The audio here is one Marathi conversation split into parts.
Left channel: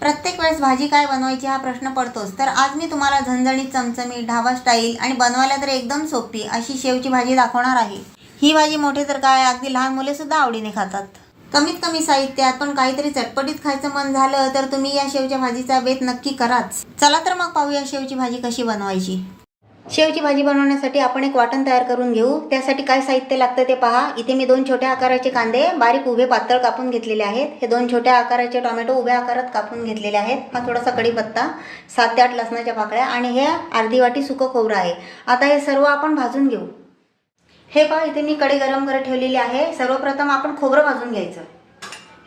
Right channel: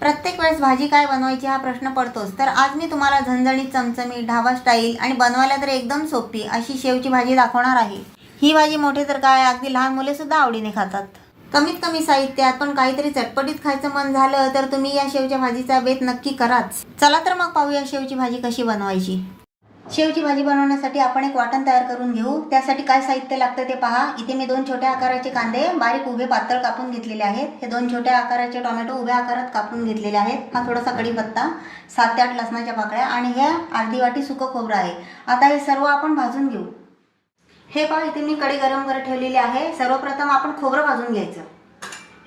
प्रत्येक वेळेस भाजी काय बनवायची हा प्रश्न पडतोच. तर आज मी तुम्हाला झणझणीत, चमचमीत, ढाबा स्टाईल आणि बनवायला तर एकदम सोपी अशी शेवची भाजी दाखवणार आहे. ही भाजी मोठे तर काय, अगदी लहान मुलेसुद्धा आवडीने खातात. कमीत कमी साहित्यात पण काहीतरी चटपटीत खायचं मन झालं तर तुम्ही या शेवच्या भाजीचा बेत नक्की कराच. चला तर मग पाहूया शेवची भाजी कशी बनवायची. शेवची भाजी बनवण्यासाठी आपण एक वाटण तयार करून घेऊ. त्यासाठी काय साहित्य लागतं ते पहा. इथे मी 2 छोट्या आकाराचे कांदे बारीक उभे पातळ कापून घेतलेले आहेत. हे 2 छोट्या आकाराचे टोमॅटो उभ्या आकारात कापून घेतलेले आहेत. हा थोडासा कढीपत्ता, 7 ते 8 लसणाच्या पाकळ्या आणि हे अर्धी वाटी सुकं खोबरं आहे. आता हे सर्व आपण भाजून घेऊ. हे पहा, इथे मी कढई गरम करत ठेवलेली आहे. सर्वप्रथम आपण खोबरं भाजून घ्यायचं.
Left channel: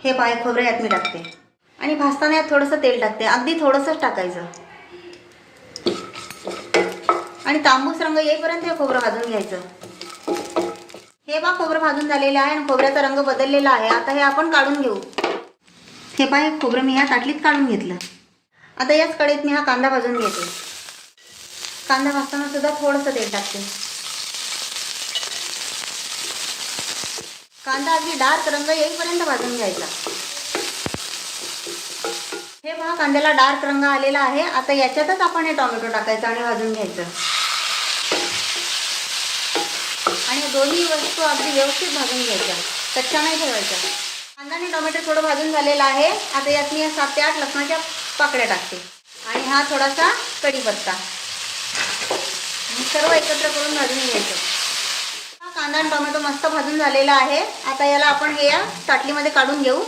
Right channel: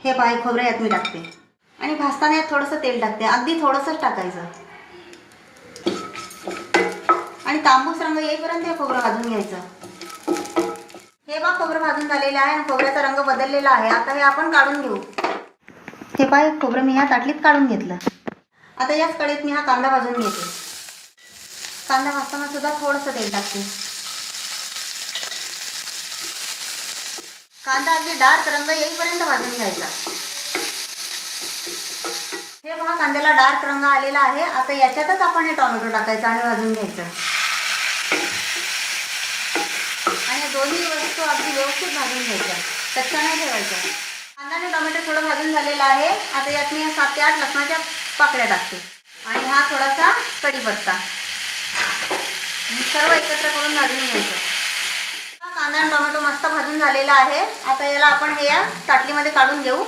हे पहा, खोबरं यात मी टाकते आणि भाजताना यात थोडंसं तेल टाकते. अगदी थोडंसंच टाकायचं आणि तांबूस रंग येईपर्यंत हे खोबरं भाजून घ्यायचं. हे पहा, खोबरं भाजून झालेलं आहे आणि खोबऱ्याचा रंग बदललेला आहे. आता हे आपण काढून घेऊ. हे पहा, खोबरं मी ह्या ताटलीत काढून घेतलं. आता याच कढईत मी हा कांदा भाजून घेते. कांदा भाजताना सुद्धा थोडंसं तेल टाकते. कांदा अगदी डार्क रंग येईपर्यंत भाजून घ्यायचा. हे पहा, कांद्याला डार्क रंग आलेला आहे. आता याच्यातच आपण हे टोमॅटो टाकायचं आणि भाजून घ्यायचं आणि दोन्ही वस्तू अगदी व्यवस्थित भाजून घ्यायच्या, कच्च्या नाही ठेवायच्या. कांदा आणि टोमॅटो थोडं भाजून झालेलं आहे. आता यात मी 7 ते 8 लसणाच्या पाकळ्या टाकते आणि हा थोडासा कढीपत्ता सर्व एकत्र करून भाजून घ्यायचं. कांदा आणि टोमॅटो मस्त भाजून झालेला आहे. आता याला आपण हे या ताटलीमध्ये काढून घेऊ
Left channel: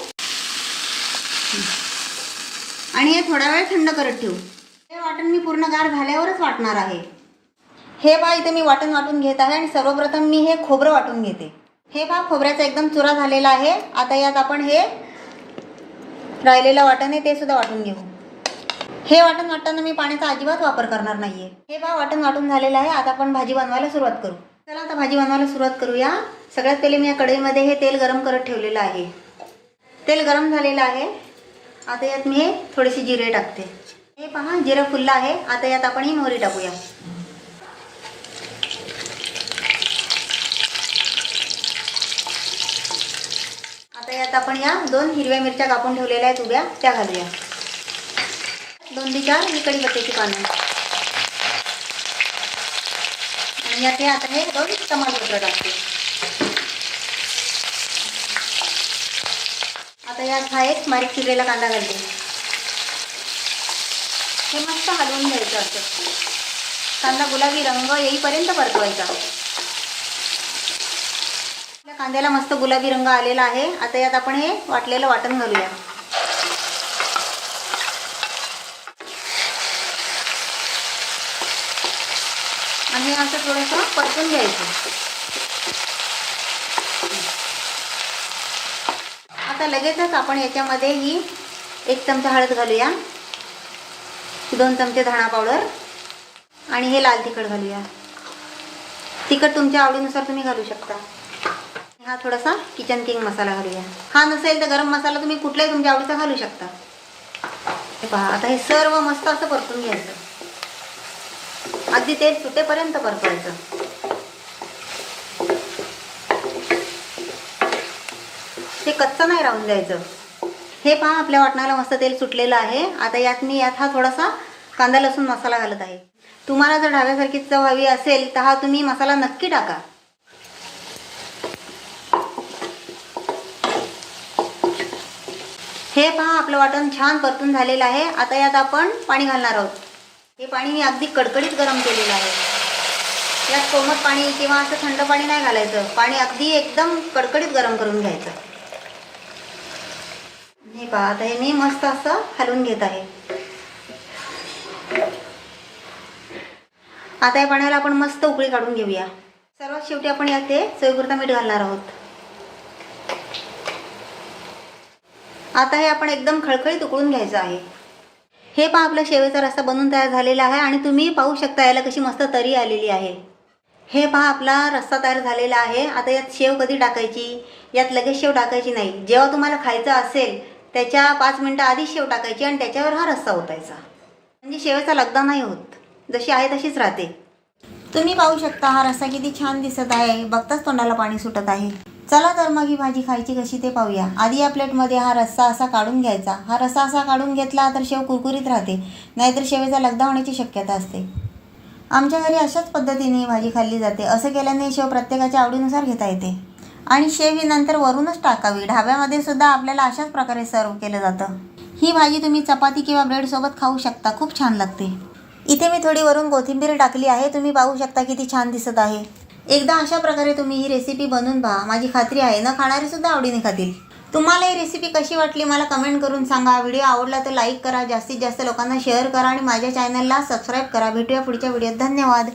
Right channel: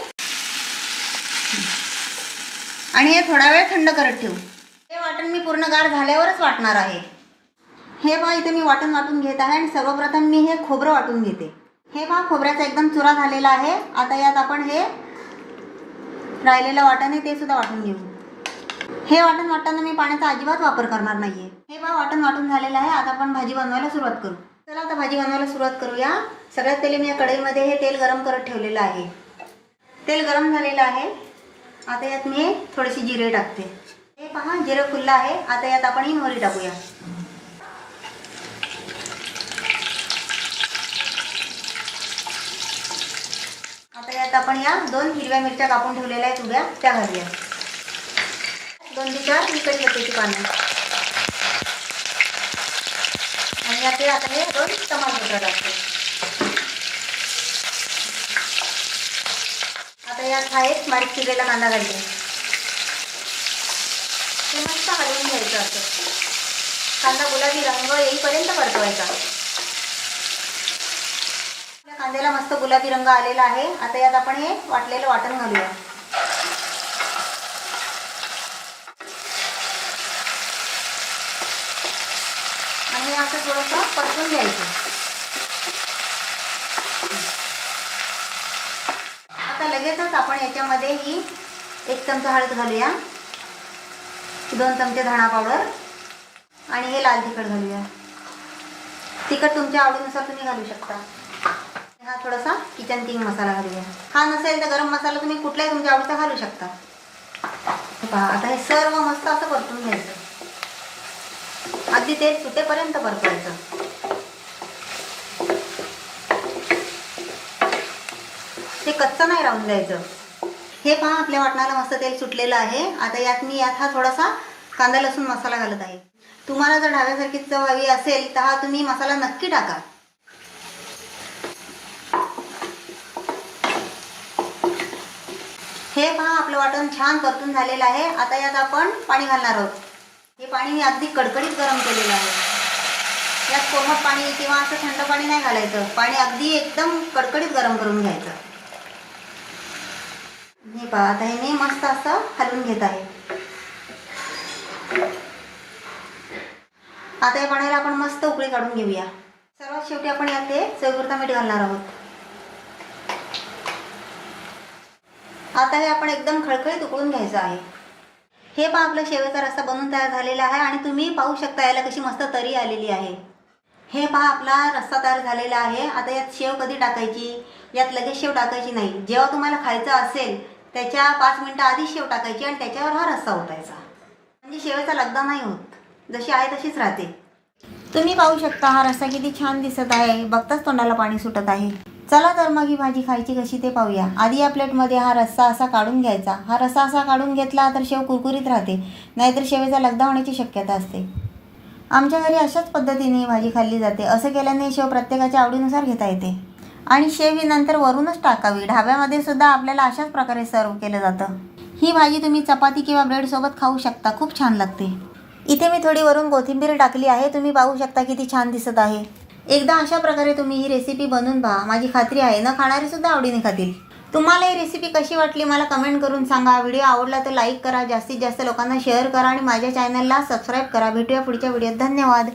आणि हे थोडा वेळ थंड करत ठेवू. हे वाटण मी पूर्ण गार झाल्यावरच वाटणार आहे. हे पहा, इथे मी वाटण वाटून घेत आहे आणि सर्वप्रथम मी हे खोबरं वाटून घेते. हे पहा, खोबऱ्याचा एकदम चुरा झालेला आहे. आता यात आपण हे राहिलेलं वाटण आहे ते सुद्धा वाटून घेऊ. हे वाटण वाटताना मी पाण्याचा अजिबात वापर करणार नाहीये. हे पहा, वाटण वाटून झालेलं आहे. आता आपण भाजी बनवायला सुरुवात करू. चला आता भाजी बनवायला सुरुवात करूया. सगळ्यात पहिले मी या कढईमध्ये हे तेल गरम करत ठेवलेलं आहे. तेल गरम झालेलं आहे. आता यात मी थोडेसे जिरे टाकते. हे पहा, जिरं फुललं आहे. आता यात आपण ही मोहरी टाकूया. आता यात आपण या 2 हिरव्या मिरच्या कापून ठेवलेल्या आहेत उभ्या, त्या घालूया. 2 ते 4 ही कढीपत्त्याची पानं आणि यात आता हे 2 तमालपत्र टाकते. आता यात हा एक बारीक चिरलेला कांदा घालते. हे मस्त हलवून घ्यायचं असतं. कांदा गुलाबी रंग येईपर्यंत परतवायचा. आपल्या कांद्याला मस्त गुलाबी रंग आलेला आहे. आता यात आपण हे वाटलेलं वाटण घालूया. आणि असं थोडंसं परतून घ्यायचं. आता लगेचच आपण याच्यामध्ये ही 1 चमचा हळद घालूया, 2 चमचे धणा पावडर आणि हे लाल तिखट घालूया. तिखट तुमच्या आवडीनुसार तुम्ही घालू शकता. हा थोडासा किचन किंग मसाला घालूया. हा नसेल तर गरम मसाला तुम्ही कुठलाही तुमच्या आवडीचा घालू शकता. पहा, आता हे सर्व मस्त असं परतून घ्यायचं. अगदी तेल सुटेपर्यंत परतवायचं. ते कच्चं नाही राहून द्यायचं. हे पहा, आपल्या वाटणाला मस्त तेल सुटलेलं आहे. आता यात हा थोडासा कांदा लसूण मसाला घालत आहे. तुम्हाला जर ढाब्यासारखी चव हवी असेल तर हा तुम्ही मसाला नक्की टाका. हे पहा, आपलं वाटण छान परतून झालेलं आहे. आता यात आपण पाणी घालणार आहोत. हे पाणी मी अगदी कडकडीत गरम केलेलं आहे. यात कोमट पाणी किंवा असं थंड पाणी नाही घालायचं. पाणी अगदी एकदम कडकडीत गरम करून घ्यायचं. हे पहा, आता हे मी मस्त असं हलवून घेत आहे. आता या पाण्याला आपण मस्त उकळी काढून घेऊया. सर्वात शेवटी आपण यात ते चवीपुरता मीठ घालणार आहोत. आता हे आपण एकदम खळखळीत उकळून घ्यायचं आहे. हे पहा, आपला शेवेचा रस्सा बनवून तयार झालेला आहे आणि तुम्ही पाहू शकता याला कशी मस्त तरी आलेली आहे. हे पहा, आपला रस्सा तयार झालेला आहे. आता यात शेव कधी टाकायची, यात लगेच शेव टाकायची नाही. जेव्हा तुम्हाला खायचं असेल त्याच्या 5 मिनिटं आधी शेव टाकायची आणि त्याच्यावर हा रस्सा ओतायचा. म्हणजे शेवेचा लगदा नाही होत, जशी आहे तशीच राहते. तुम्ही पाहू शकता हा रस्सा किती छान दिसत आहे. बघताच तोंडाला पाणी सुटत आहे. चला तर मग ही भाजी खायची कशी ते पाहूया. आधी या प्लेटमध्ये हा रस्सा असा काढून घ्यायचा. हा रस्सा असा काढून घेतला तर शेव कुरकुरीत राहते, नाहीतर शेवेचा लगदा होण्याची शक्यता असते. आमच्या घरी अशाच पद्धतीने ही भाजी खाल्ली जाते. असं केल्याने शेव प्रत्येकाच्या आवडीनुसार घेता येते. आणि शेव ही नंतर वरूनच टाकावी. ढाब्यामध्ये सुद्धा आपल्याला अशाच प्रकारे सर्व केलं जातं. ही भाजी तुम्ही चपाती किंवा ब्रेडसोबत खाऊ शकता. खूप छान लागते. इथे मी थोडी वरून कोथिंबीर टाकली आहे. तुम्ही पाहू शकता किती छान दिसत आहे. एकदा अशा प्रकारे तुम्ही ही रेसिपी बनवून पहा. माझी खात्री आहे न खाणारे सुद्धा आवडीने खातील. तुम्हाला ही रेसिपी कशी वाटली मला कमेंट करून सांगा. व्हिडिओ आवडला तर लाईक करा, जास्तीत जास्त लोकांना शेअर करा आणि माझ्या चॅनलला सबस्क्राईब करा. भेटूया पुढच्या व्हिडिओत. धन्यवाद.